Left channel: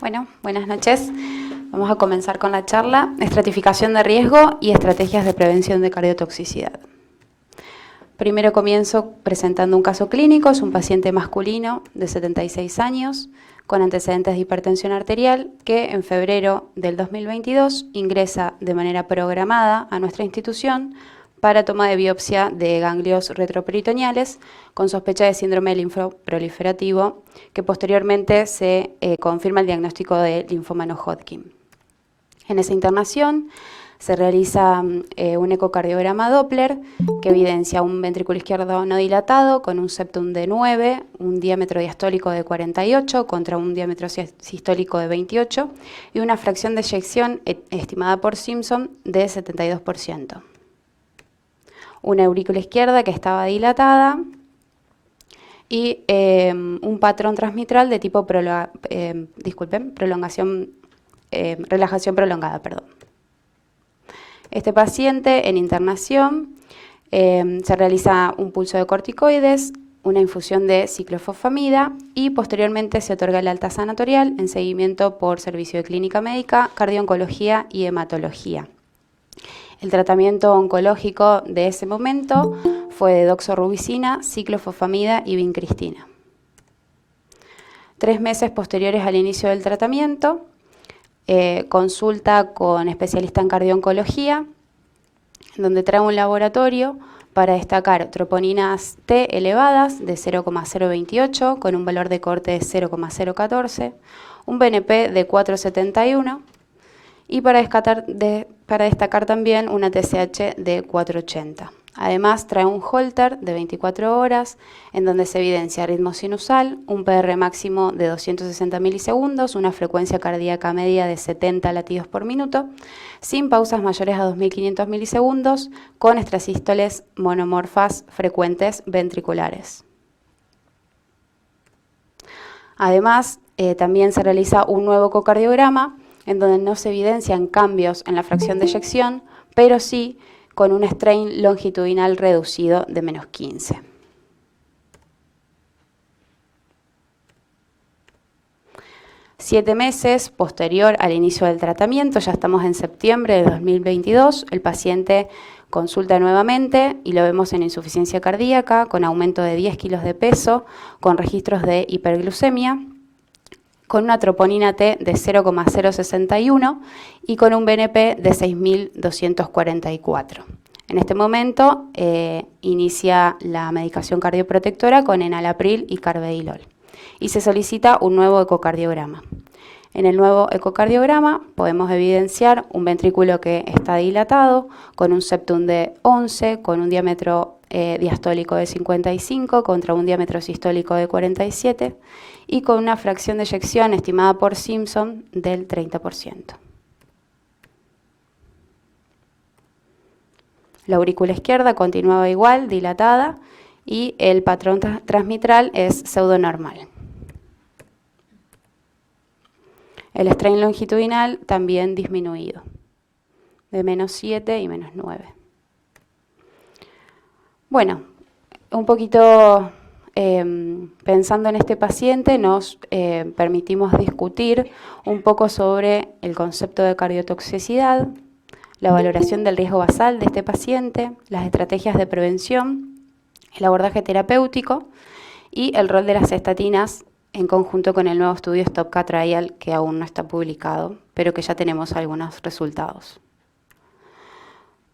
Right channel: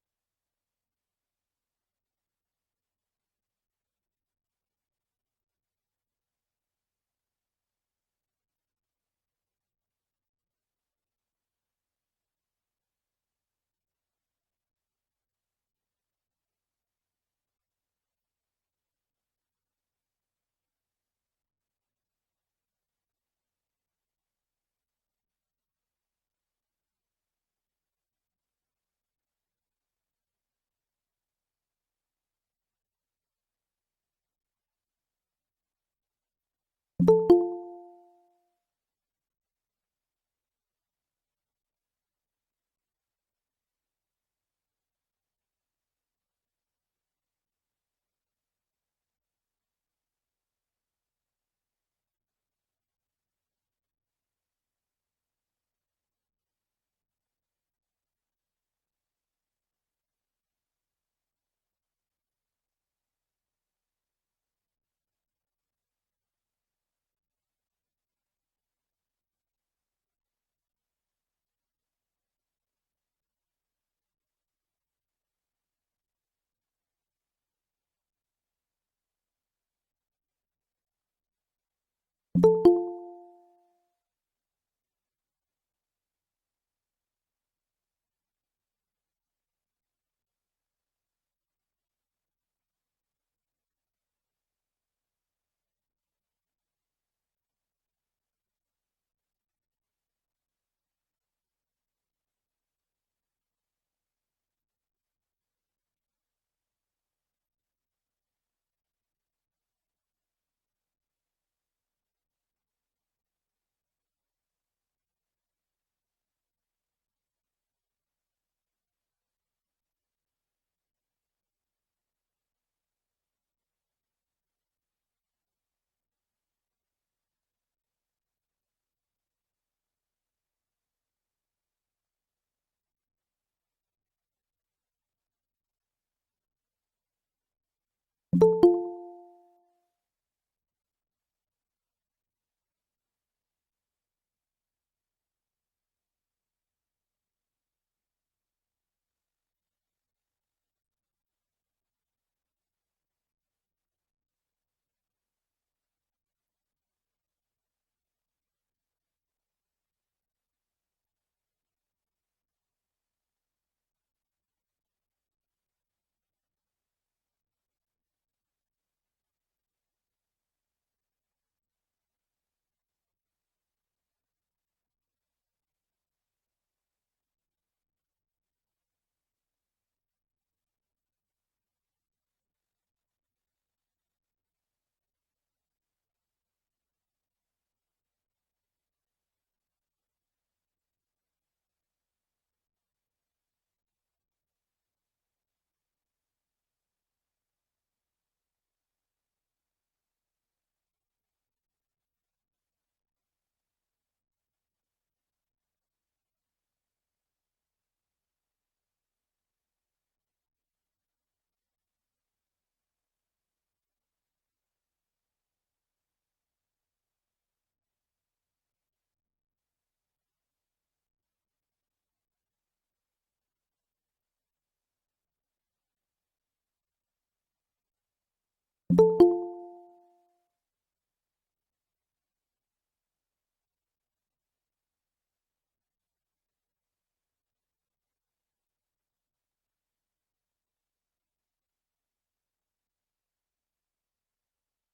Bueno, buenas noches. Vamos a comenzar con la charla, estratificación de riesgo y estrategias de prevención de cardiotoxicidad. Primero comienzo presentando un caso clínico, es un paciente masculino de 76 años con antecedentes de hipertensión arterial que en febrero del 2022 ingresa de manera programada a nuestra institución para toma de biopsia de ganglios retroperitoneales con sospecha de síndrome linfoproliferativo, que posteriormente se confirma el diagnóstico de linfoma no Hodgkin. En esa internación se realiza un ecocardiograma Doppler que evidencia un ventrículo izquierdo no dilatado con un septum de 9, un diámetro diastólico de 48 contra un diámetro sistólico de 28 y una fracción de eyección estimada por Simpson de 72%. Una aurícula izquierda que estaba dilatada y un patrón transmitral de tipo relajación prolongada. Este paciente en internación se realiza un pulso de corticoides, una infusión de ciclofosfamida y posteriormente se otorga el alta sanatorial en seguimiento por servicio de clínica médica, cardio-oncología y hematología. El tratamiento oncológico de ese momento fue de doxorubicina, ciclofosfamida y vincristina. 3 meses posteriores al inicio del tratamiento, consulta con especialista en cardio-oncología, donde trae un laboratorio para destacar troponinas T elevadas de 0,028 con un valor de corte de 0,014, un BNP de 471 y para destacar también una TSH de 480. Además trae un Holter de 24 horas en donde se evidencia ritmo sinusal, un PR máximo de 260 milisegundos, una frecuencia cardíaca media de 70 latidos por minuto, sin pausas mayores a 2500 milisegundos, con extrasístoles monomorfas frecuentes ventriculares. Además, también se realiza un nuevo ecocardiograma en donde no se evidencian cambios en la fracción de eyección, pero sí con un strain longitudinal reducido de menos 15. Siete meses posterior al inicio del tratamiento, ya estamos en septiembre de 2022, el paciente consulta nuevamente y lo vemos en insuficiencia cardíaca, con aumento de 10 kilos de peso, con registros de hiperglucemia, con una troponina T de 0,061 y con un BNP de 6.244. En este momento inicia la medicación cardioprotectora con enalapril y carvedilol y se solicita un nuevo ecocardiograma. En el nuevo ecocardiograma podemos evidenciar un ventrículo que está dilatado con un septum de 11, con un diámetro diastólico de 55 contra un diámetro sistólico de 47 y con una fracción de eyección estimada por Simpson del 30%. La aurícula izquierda continuaba igual, dilatada, y el patrón transmitral es pseudonormal. El strain longitudinal también disminuido, de menos 7 y menos 9. Bueno, un poquito pensando en este paciente, nos permitimos discutir un poco sobre el concepto de cardiotoxicidad, la valoración del riesgo basal de este paciente, las estrategias de prevención, el abordaje terapéutico y el rol de las estatinas en conjunto con el nuevo estudio STOP-K Trial que aún no está publicado, pero que ya tenemos algunos resultados.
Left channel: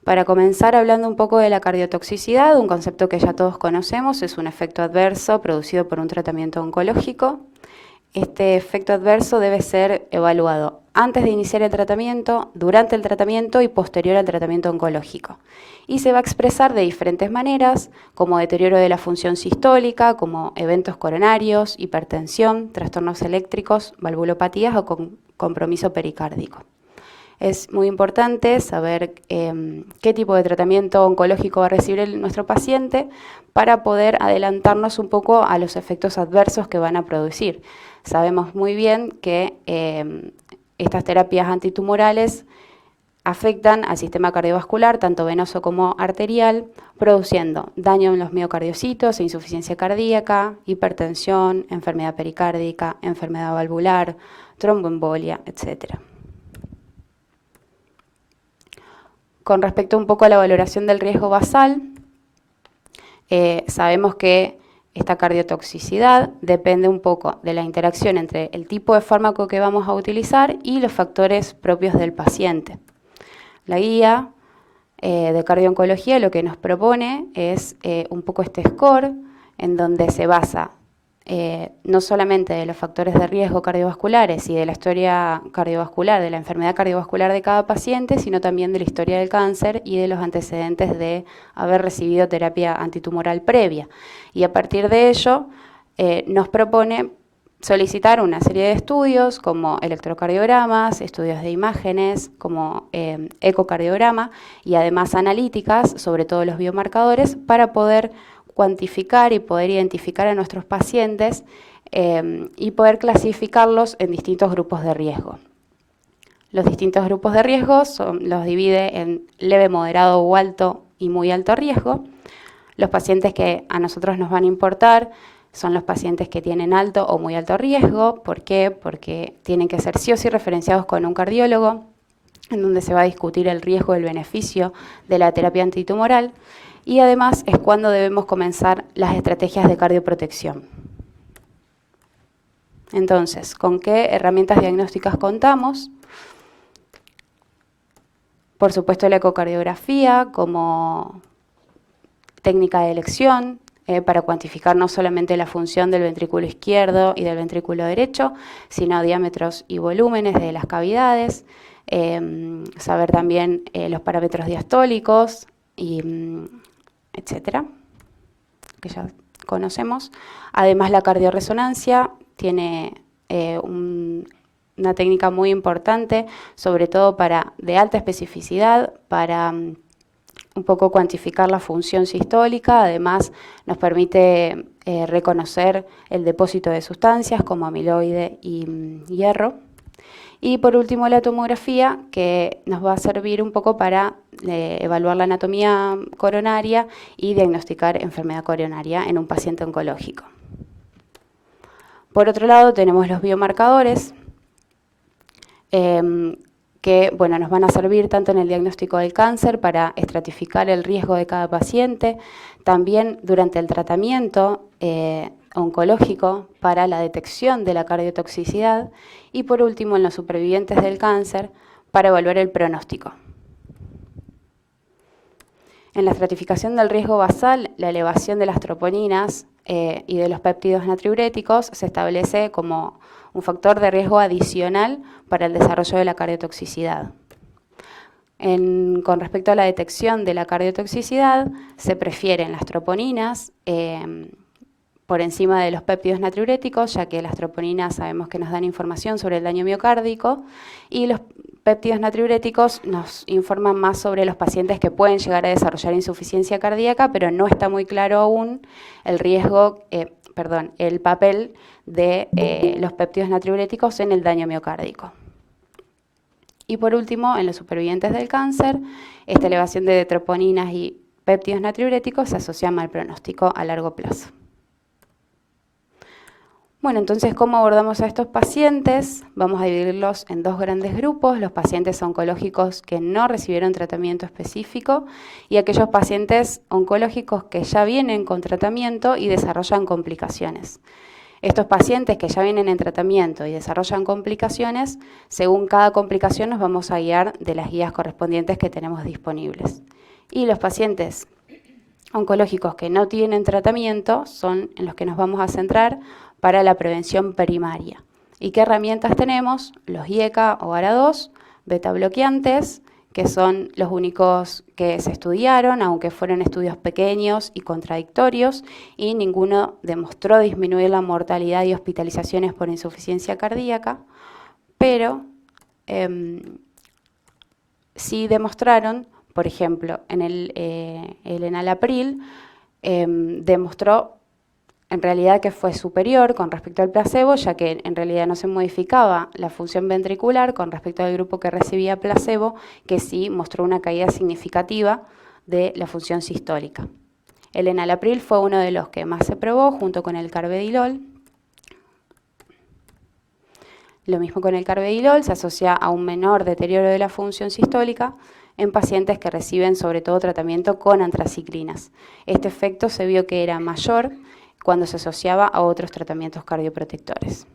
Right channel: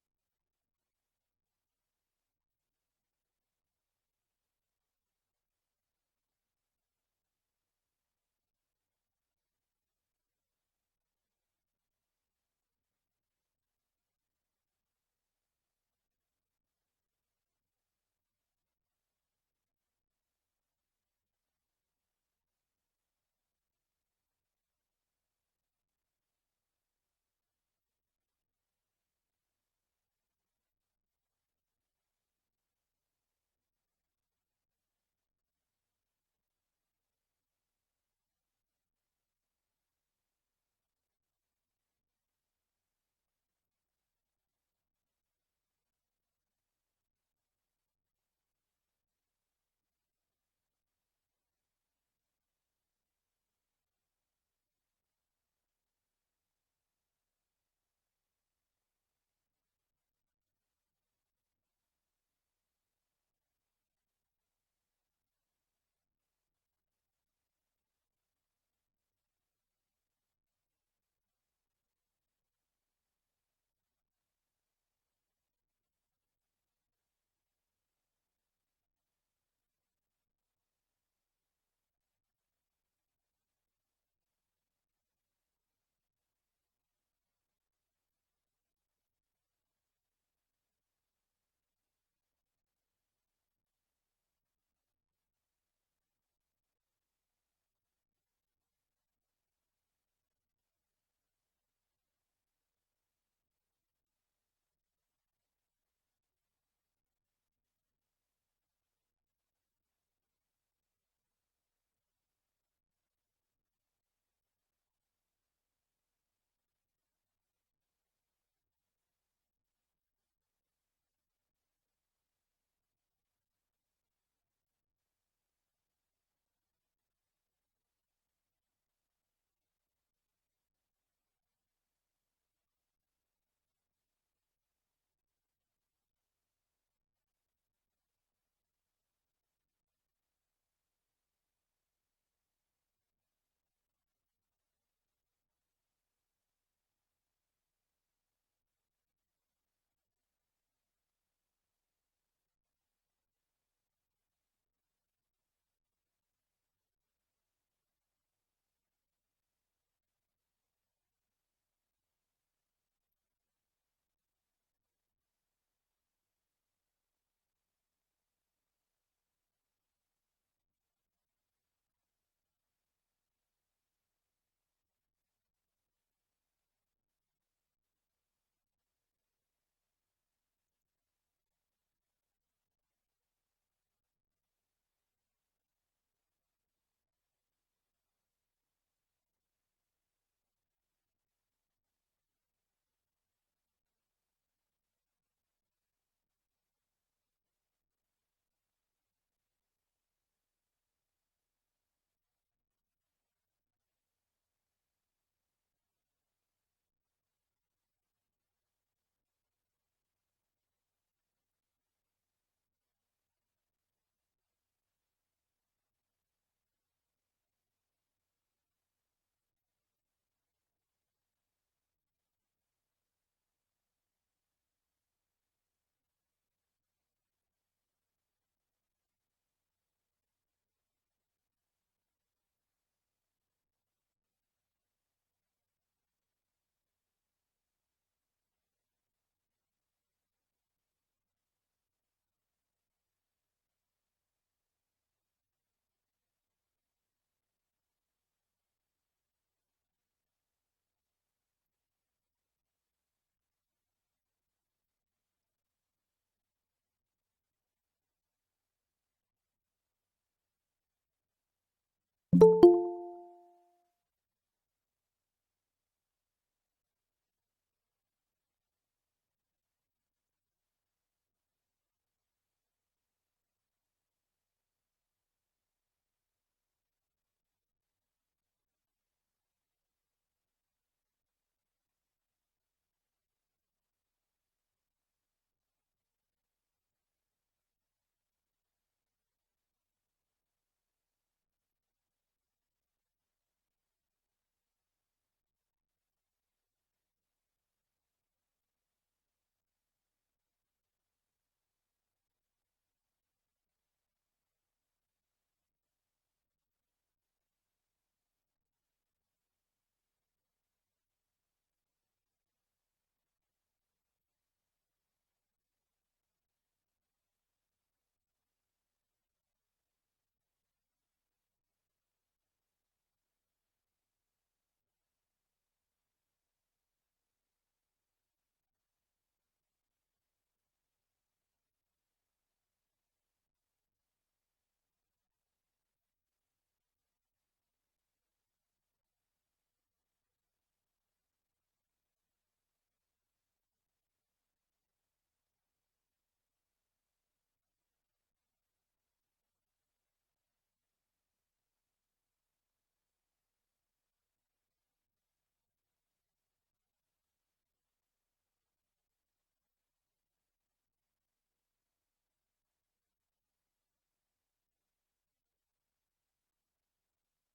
Para comenzar hablando un poco de la cardiotoxicidad, un concepto que ya todos conocemos, es un efecto adverso producido por un tratamiento oncológico. Este efecto adverso debe ser evaluado antes de iniciar el tratamiento, durante el tratamiento y posterior al tratamiento oncológico. Y se va a expresar de diferentes maneras, como deterioro de la función sistólica, como eventos coronarios, hipertensión, trastornos eléctricos, valvulopatías o compromiso pericárdico. Es muy importante saber qué tipo de tratamiento oncológico va a recibir nuestro paciente para poder adelantarnos un poco a los efectos adversos que van a producir. Sabemos muy bien que estas terapias antitumorales afectan al sistema cardiovascular, tanto venoso como arterial, produciendo daño en los miocardiocitos, insuficiencia cardíaca, hipertensión, enfermedad pericárdica, enfermedad valvular, tromboembolia, etc. Con respecto un poco a la valoración del riesgo basal, sabemos que esta cardiotoxicidad depende un poco de la interacción entre el tipo de fármaco que vamos a utilizar y los factores propios del paciente. La guía de cardiooncología lo que nos propone es un poco este score en donde se basa no solamente de los factores de riesgo cardiovasculares y de la historia cardiovascular, de la enfermedad cardiovascular de cada paciente, sino también de la historia del cáncer y de los antecedentes de haber recibido terapia antitumoral previa. Y a partir de ello nos propone solicitar una serie de estudios como electrocardiogramas, estudios de imágenes como ecocardiograma y además analíticas sobre todos los biomarcadores para poder cuantificar y poder identificar a nuestros pacientes y poder clasificarlos en distintos grupos de riesgo. Los distintos grupos de riesgo los divide en leve, moderado o alto y muy alto riesgo. Los pacientes que a nosotros nos van a importar son los pacientes que tienen alto o muy alto riesgo. ¿Por qué? Porque tienen que ser sí o sí referenciados con un cardiólogo, en donde se va a discutir el riesgo y el beneficio de la terapia antitumoral. Y además es cuando debemos comenzar las estrategias de cardioprotección. Entonces, ¿con qué herramientas diagnósticas contamos? Por supuesto, la ecocardiografía como técnica de elección para cuantificar no solamente la función del ventrículo izquierdo y del ventrículo derecho, sino diámetros y volúmenes de las cavidades, saber también los parámetros diastólicos y etcétera, que ya conocemos. Además, la cardioresonancia tiene una técnica muy importante, sobre todo de alta especificidad, para un poco cuantificar la función sistólica. Además, nos permite reconocer el depósito de sustancias como amiloide y hierro. Y por último, la tomografía, que nos va a servir un poco para evaluar la anatomía coronaria y diagnosticar enfermedad coronaria en un paciente oncológico. Por otro lado, tenemos los biomarcadores, que nos van a servir tanto en el diagnóstico del cáncer para estratificar el riesgo de cada paciente, también durante el tratamiento oncológico para la detección de la cardiotoxicidad y por último en los supervivientes del cáncer para evaluar el pronóstico. En la estratificación del riesgo basal, la elevación de las troponinas y de los péptidos natriuréticos se establece como un factor de riesgo adicional para el desarrollo de la cardiotoxicidad. Con respecto a la detección de la cardiotoxicidad, se prefieren las troponinas por encima de los péptidos natriuréticos, ya que las troponinas sabemos que nos dan información sobre el daño miocárdico y los péptidos natriuréticos nos informan más sobre los pacientes que pueden llegar a desarrollar insuficiencia cardíaca, pero no está muy claro aún el el papel de los péptidos natriuréticos en el daño miocárdico. Y por último, en los supervivientes del cáncer, esta elevación de troponinas y péptidos natriuréticos se asocia a mal pronóstico a largo plazo. Bueno, entonces, ¿cómo abordamos a estos pacientes? Vamos a dividirlos en dos grandes grupos, los pacientes oncológicos que no recibieron tratamiento específico y aquellos pacientes oncológicos que ya vienen con tratamiento y desarrollan complicaciones. Estos pacientes que ya vienen en tratamiento y desarrollan complicaciones, según cada complicación nos vamos a guiar de las guías correspondientes que tenemos disponibles. Y los pacientes oncológicos que no tienen tratamiento son en los que nos vamos a centrar para la prevención primaria. ¿Y qué herramientas tenemos? Los IECA o ARA2, beta bloqueantes, que son los únicos que se estudiaron, aunque fueron estudios pequeños y contradictorios, y ninguno demostró disminuir la mortalidad y hospitalizaciones por insuficiencia cardíaca, pero sí demostraron, por ejemplo, en el enalapril, demostró en realidad que fue superior con respecto al placebo, ya que en realidad no se modificaba la función ventricular con respecto al grupo que recibía placebo, que sí mostró una caída significativa de la función sistólica. El enalapril fue uno de los que más se probó, junto con el carvedilol. Lo mismo con el carvedilol, se asocia a un menor deterioro de la función sistólica en pacientes que reciben sobre todo tratamiento con antraciclinas. Este efecto se vio que era mayor cuando se asociaba a otros tratamientos cardioprotectores.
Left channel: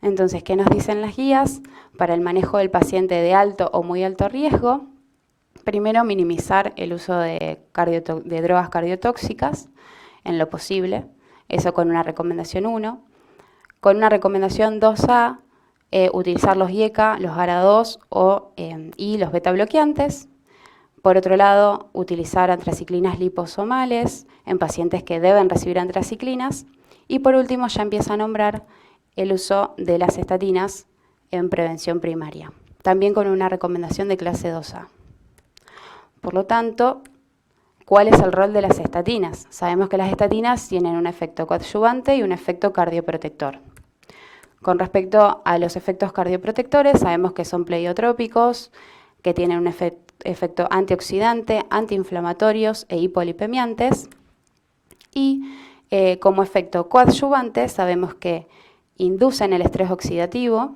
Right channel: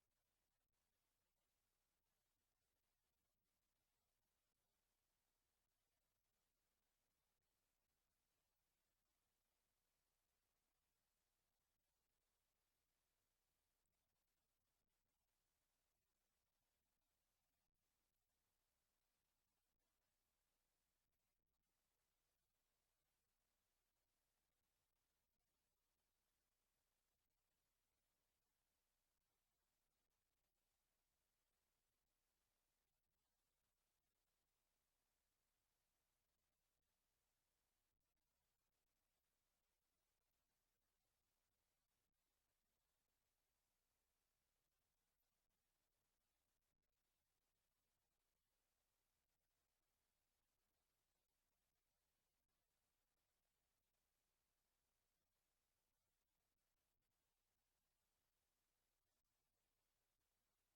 Entonces, ¿qué nos dicen las guías? Para el manejo del paciente de alto o muy alto riesgo, primero minimizar el uso de drogas cardiotóxicas en lo posible, eso con una recomendación 1. Con una recomendación 2A, utilizar los IECA, los ARA2 y los beta bloqueantes. Por otro lado, utilizar antraciclinas liposomales en pacientes que deben recibir antraciclinas. Y por último, ya empieza a nombrar el uso de las estatinas en prevención primaria, también con una recomendación de clase 2A. Por lo tanto, ¿cuál es el rol de las estatinas? Sabemos que las estatinas tienen un efecto coadyuvante y un efecto cardioprotector. Con respecto a los efectos cardioprotectores, sabemos que son pleiotrópicos, que tienen un efecto antioxidante, antiinflamatorios e hipolipemiantes. Y como efecto coadyuvante, sabemos que inducen el estrés oxidativo,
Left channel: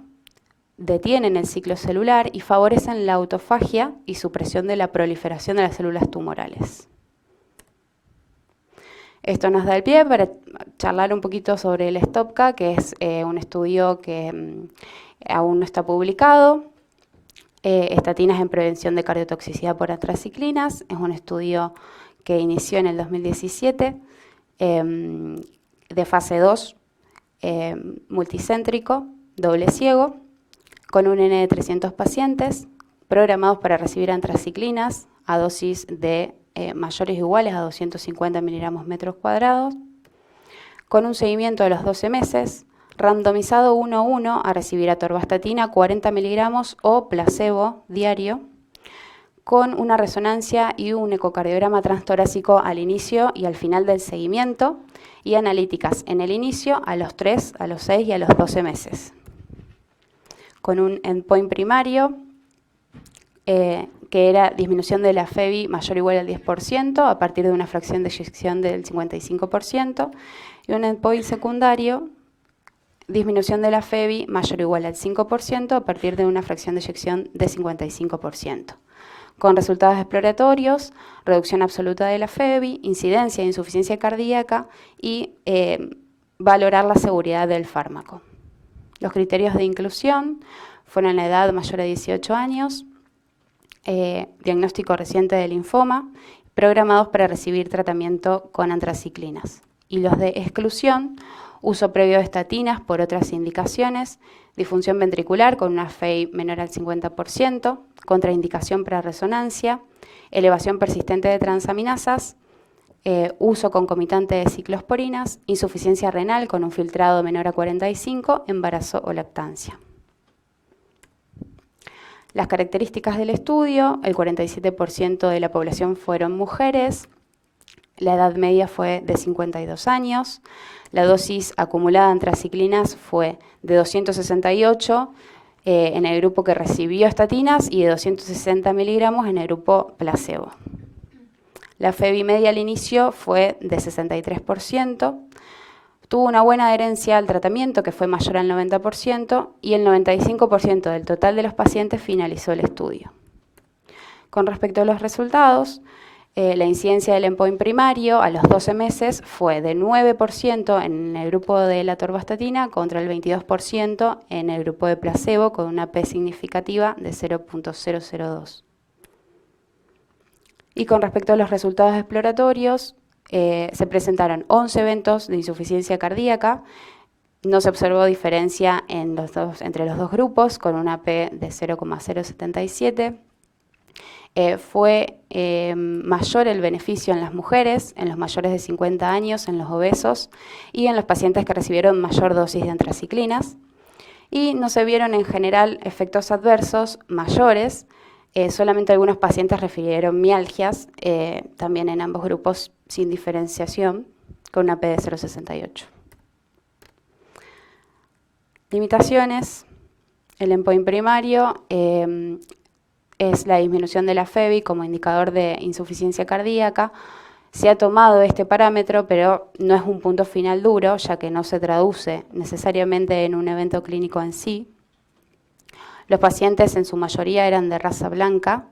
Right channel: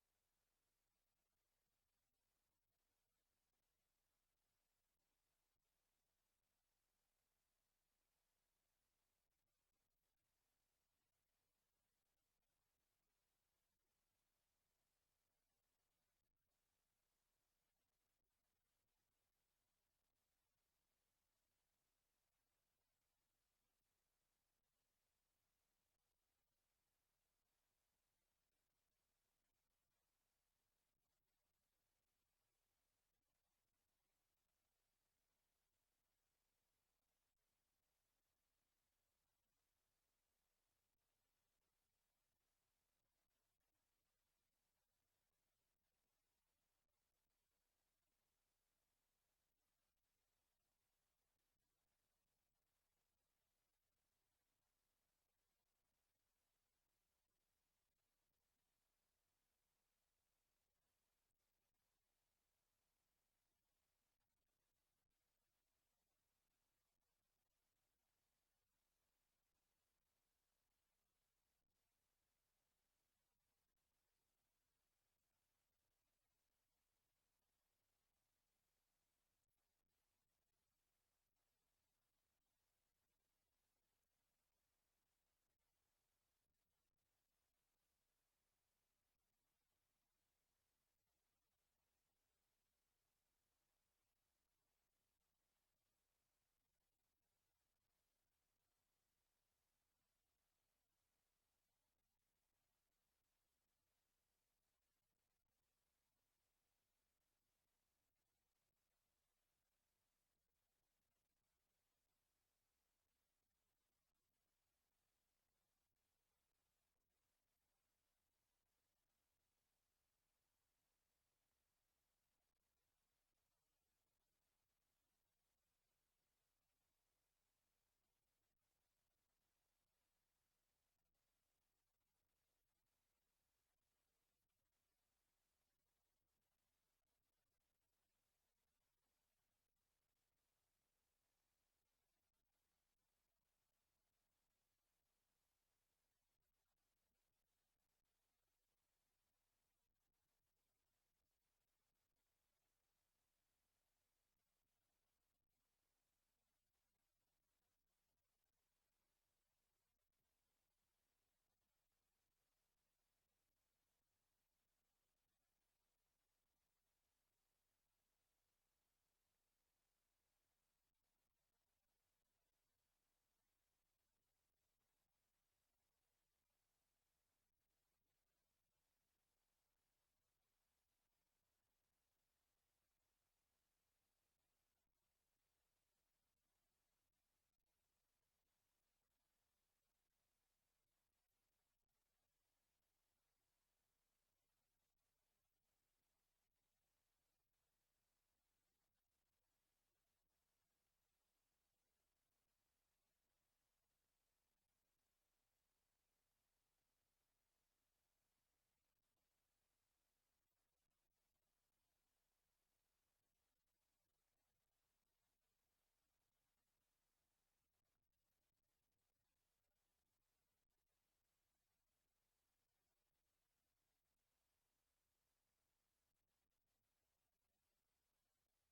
detienen el ciclo celular y favorecen la autofagia y supresión de la proliferación de las células tumorales. Esto nos da el pie para charlar un poquito sobre el STOPCA, que es un estudio que aún no está publicado. Estatinas en prevención de cardiotoxicidad por antraciclinas. Es un estudio que inició en el 2017, de fase 2, multicéntrico, doble ciego, con un N de 300 pacientes programados para recibir antraciclinas a dosis de mayores o iguales a 250 miligramos metros cuadrados, con un seguimiento de los 12 meses, randomizado 1 a 1 a recibir atorvastatina 40 miligramos o placebo diario, con una resonancia y un ecocardiograma transtorácico al inicio y al final del seguimiento, y analíticas en el inicio, a los 3, a los 6 y a los 12 meses. Con un endpoint primario, que era disminución de la FEBI mayor o igual al 10% a partir de una fracción de eyección del 55%, y un endpoint secundario, disminución de la FEBI mayor o igual al 5% a partir de una fracción de eyección de 55%. Con resultados exploratorios, reducción absoluta de la FEBI, incidencia de insuficiencia cardíaca y valorar la seguridad del fármaco. Los criterios de inclusión fueron la edad mayor a 18 años, diagnóstico reciente de linfoma, programados para recibir tratamiento con antraciclinas. Y los de exclusión, uso previo de estatinas por otras indicaciones, disfunción ventricular con una FEI menor al 50%, contraindicación para resonancia, elevación persistente de transaminasas, uso concomitante de ciclosporinas, insuficiencia renal con un filtrado menor a 45, embarazo o lactancia. Las características del estudio: el 47% de la población fueron mujeres, la edad media fue de 52 años, la dosis acumulada de antraciclinas fue de 268 en el grupo que recibió estatinas y de 260 miligramos en el grupo placebo. La FEBI media al inicio fue de 63%, tuvo una buena adherencia al tratamiento que fue mayor al 90% y el 95% del total de los pacientes finalizó el estudio. Con respecto a los resultados, la incidencia del endpoint primario a los 12 meses fue de 9% en el grupo de la atorvastatina contra el 22% en el grupo de placebo, con una P significativa de 0.002. Y con respecto a los resultados exploratorios, se presentaron 11 eventos de insuficiencia cardíaca. No se observó diferencia entre los dos grupos, con una P de 0,077. Fue mayor el beneficio en las mujeres, en los mayores de 50 años, en los obesos y en los pacientes que recibieron mayor dosis de antraciclinas. Y no se vieron en general efectos adversos mayores Solamente algunos pacientes refirieron mialgias, también en ambos grupos sin diferenciación, con una P de 0,68. Limitaciones. El endpoint primario es la disminución de la FEBI como indicador de insuficiencia cardíaca. Se ha tomado este parámetro, pero no es un punto final duro, ya que no se traduce necesariamente en un evento clínico en sí. Los pacientes en su mayoría eran de raza blanca.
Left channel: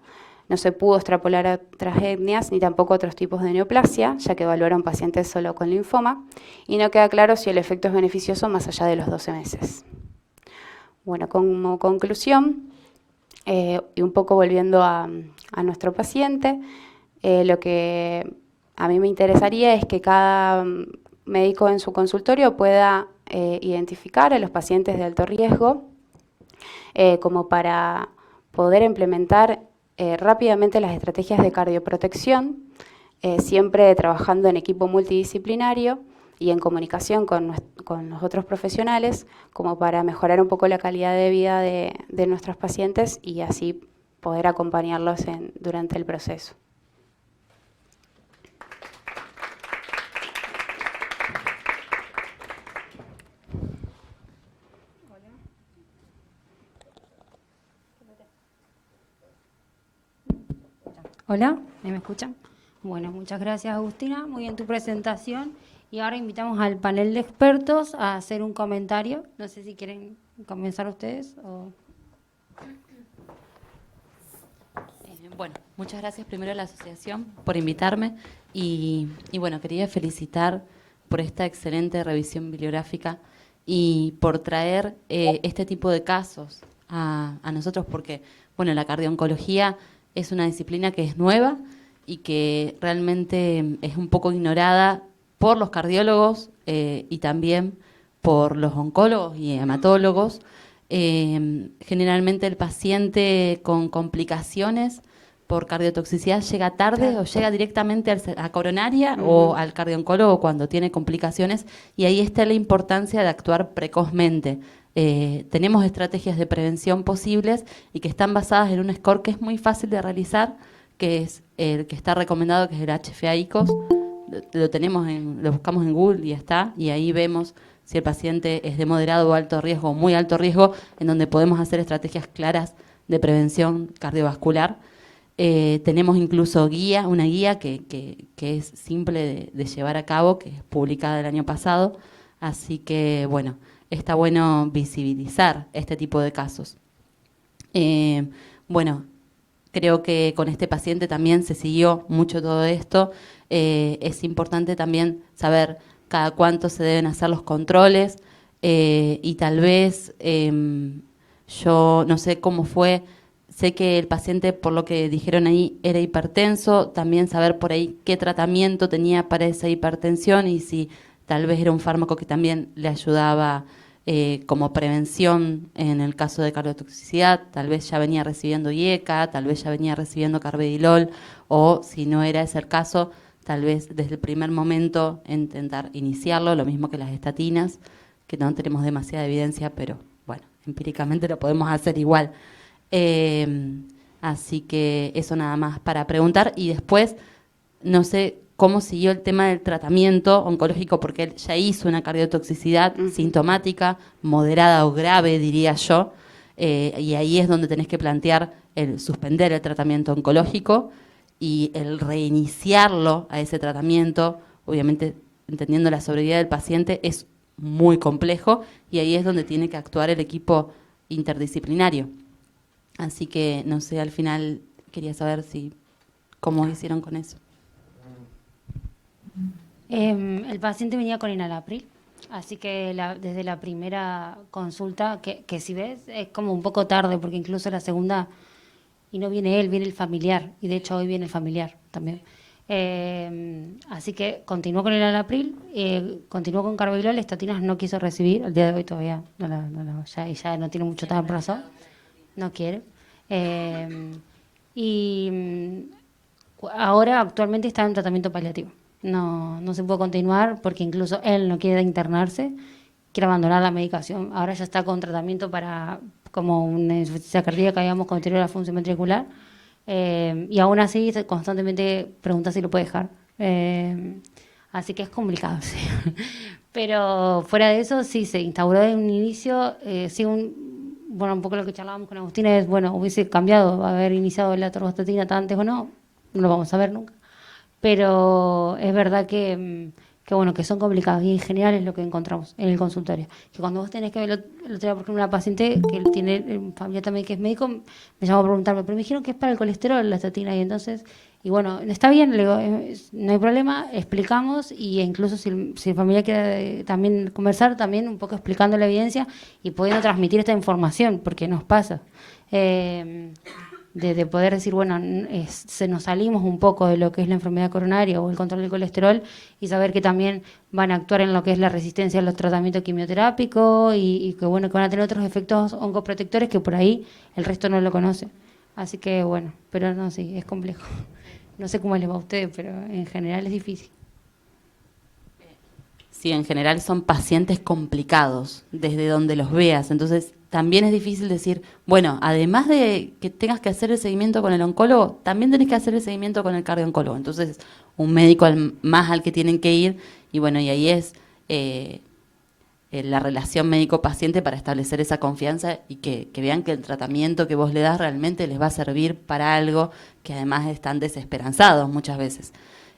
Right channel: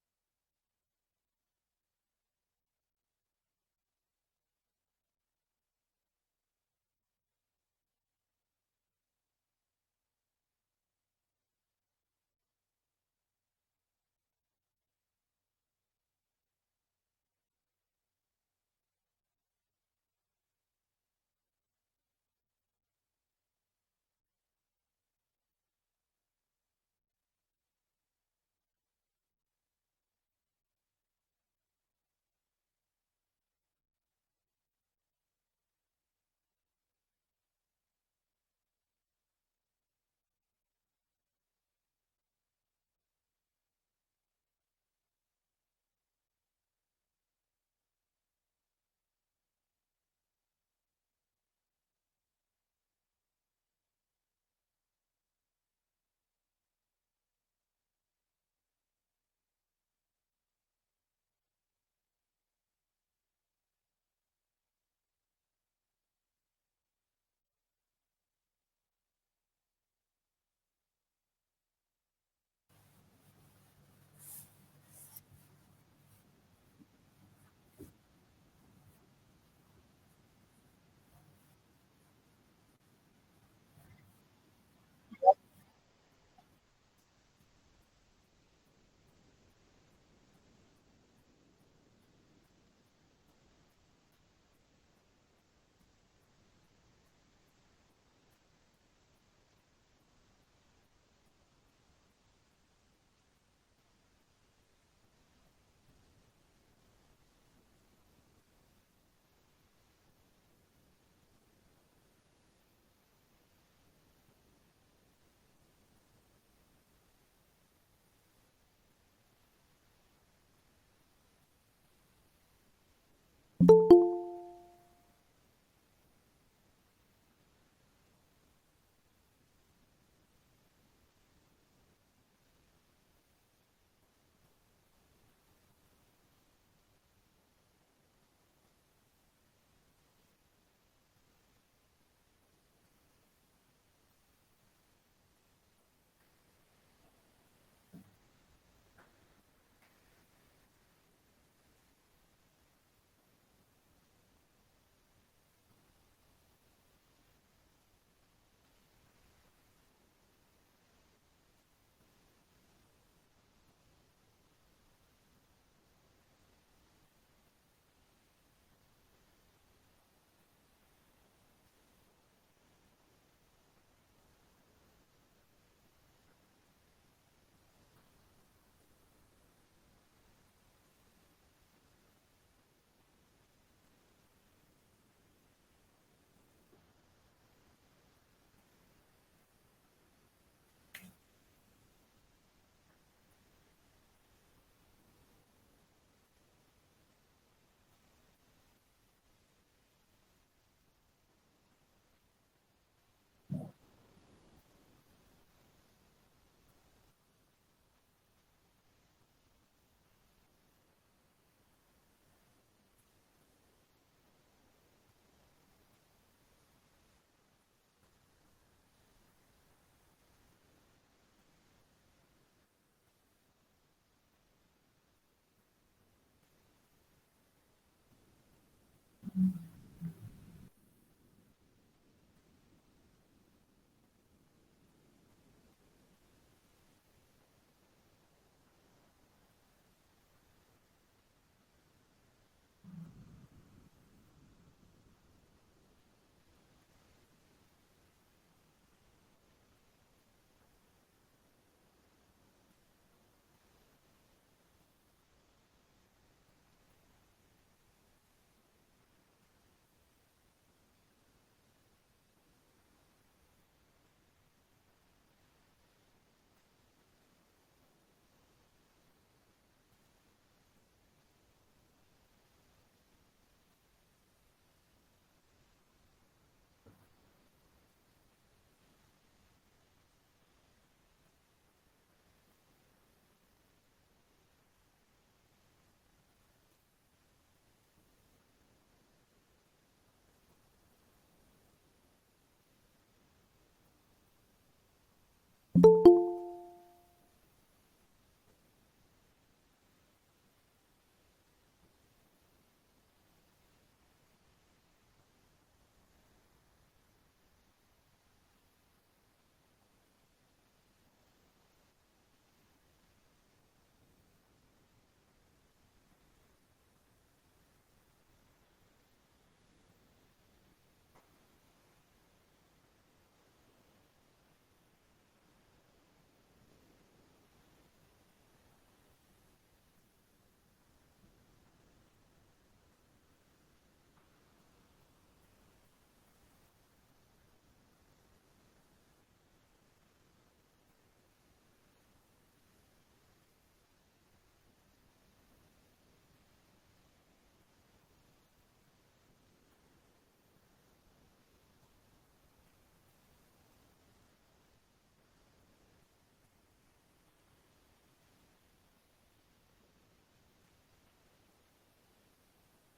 No se pudo extrapolar a otras etnias ni tampoco a otros tipos de neoplasia, ya que evaluaron pacientes solo con linfoma, y no queda claro si el efecto es beneficioso más allá de los 12 meses. Bueno, como conclusión, y un poco volviendo a nuestro paciente, lo que a mí me interesaría es que cada médico en su consultorio pueda identificar a los pacientes de alto riesgo como para poder implementar rápidamente las estrategias de cardioprotección, siempre trabajando en equipo multidisciplinario y en comunicación con los otros profesionales, como para mejorar un poco la calidad de vida de nuestros pacientes y así poder acompañarlos durante el proceso. Hola, ¿me escuchan? Bueno, muchas gracias, Agustina. Muy bien tu presentación. Y ahora invitamos al panel de expertos a hacer un comentario. No sé si quieren comenzar ustedes o... Bueno, muchas gracias primero a la asociación por invitarme y bueno, quería felicitar por esta excelente revisión bibliográfica y por traer este tipo de casos a nosotros porque, bueno, la cardiooncología es una disciplina que es nueva y que realmente es un poco ignorada por los cardiólogos y también por los oncólogos y hematólogos. Generalmente el paciente con complicaciones por cardiotoxicidad llega tarde, claro, o llega directamente a coronaria o al cardioncólogo cuando tiene complicaciones, y ahí está la importancia de actuar precozmente. Tenemos estrategias de prevención posibles y que están basadas en un score que es muy fácil de realizar, que es el que está recomendado, que es el HFA-ICOS. Lo buscamos en Google y está, y ahí vemos si el paciente es de moderado o alto riesgo o muy alto riesgo, en donde podemos hacer estrategias claras de prevención cardiovascular. Tenemos incluso una guía que es simple de llevar a cabo, que es publicada el año pasado, así que bueno, está bueno visibilizar este tipo de casos. Bueno, creo que con este paciente también se siguió mucho todo esto. Es importante también saber cada cuánto se deben hacer los controles y tal vez yo no sé cómo fue. Sé que el paciente, por lo que dijeron ahí, era hipertenso, también saber por ahí qué tratamiento tenía para esa hipertensión y si tal vez era un fármaco que también le ayudaba como prevención en el caso de cardiotoxicidad, tal vez ya venía recibiendo IECA, tal vez ya venía recibiendo carvedilol, o si no era ese el caso, tal vez desde el primer momento intentar iniciarlo, lo mismo que las estatinas, que no tenemos demasiada evidencia, pero bueno, empíricamente lo podemos hacer igual. Así que eso nada más para preguntar. Y después, no sé cómo siguió el tema del tratamiento oncológico, porque él ya hizo una cardiotoxicidad sintomática, moderada o grave, diría yo, y ahí es donde tenés que plantear el suspender el tratamiento oncológico y el reiniciarlo a ese tratamiento, obviamente entendiendo la sobriedad del paciente, es muy complejo, y ahí es donde tiene que actuar el equipo interdisciplinario. Así que, no sé, al final quería saber cómo hicieron con eso. El paciente venía con enalapril, así que desde la primera consulta, que si ves es como un poco tarde, porque incluso la segunda, y no viene él, viene el familiar, y de hecho hoy viene el familiar también. Así que continuó con el enalapril, continuó con carvedilol, estatinas no quiso recibir, al día de hoy todavía ya no tiene mucho tiempo razón, no quiere. Ahora actualmente está en tratamiento paliativo. No se puede continuar porque incluso él no quiere internarse, quiere abandonar la medicación. Ahora ya está con tratamiento para como una insuficiencia cardíaca, digamos, con deterioro de la función ventricular. Y aún así constantemente pregunta si lo puede dejar. Así que es complicado, sí. Pero fuera de eso, sí, se instauró de un inicio, sí, bueno, un poco lo que charlábamos con Agustina es, bueno, hubiese cambiado, haber iniciado la atorvastatina antes o no, no lo vamos a ver nunca. Pero es verdad que, bueno, que son complicados y en general es lo que encontramos en el consultorio. Que cuando vos tenés que ver, el otro día, por ejemplo, una paciente que tiene familia también que es médico, me llamó a preguntarme, pero me dijeron que es para el colesterol la estatina y entonces, y bueno, está bien, le digo, no hay problema, explicamos y incluso si el familiar quiere también conversar, también un poco explicando la evidencia y pudiendo transmitir esta información, porque nos pasa. Eh, de poder decir, bueno, se nos salimos un poco de lo que es la enfermedad coronaria o el control del colesterol y saber que también van a actuar en lo que es la resistencia a los tratamientos quimioterápicos y que, bueno, que van a tener otros efectos oncoprotectores que por ahí el resto no lo conoce. Así que, bueno, pero no, sí, es complejo. No sé cómo les va a ustedes, pero en general es difícil. Sí, en general son pacientes complicados desde donde los veas. Entonces, también es difícil decir, bueno, además de que tengas que hacer el seguimiento con el oncólogo, también tenés que hacer el seguimiento con el cardiooncólogo. Entonces, un médico más al que tienen que ir, y bueno, y ahí es la relación médico-paciente para establecer esa confianza y que vean que el tratamiento que vos le das realmente les va a servir para algo, que además están desesperanzados muchas veces.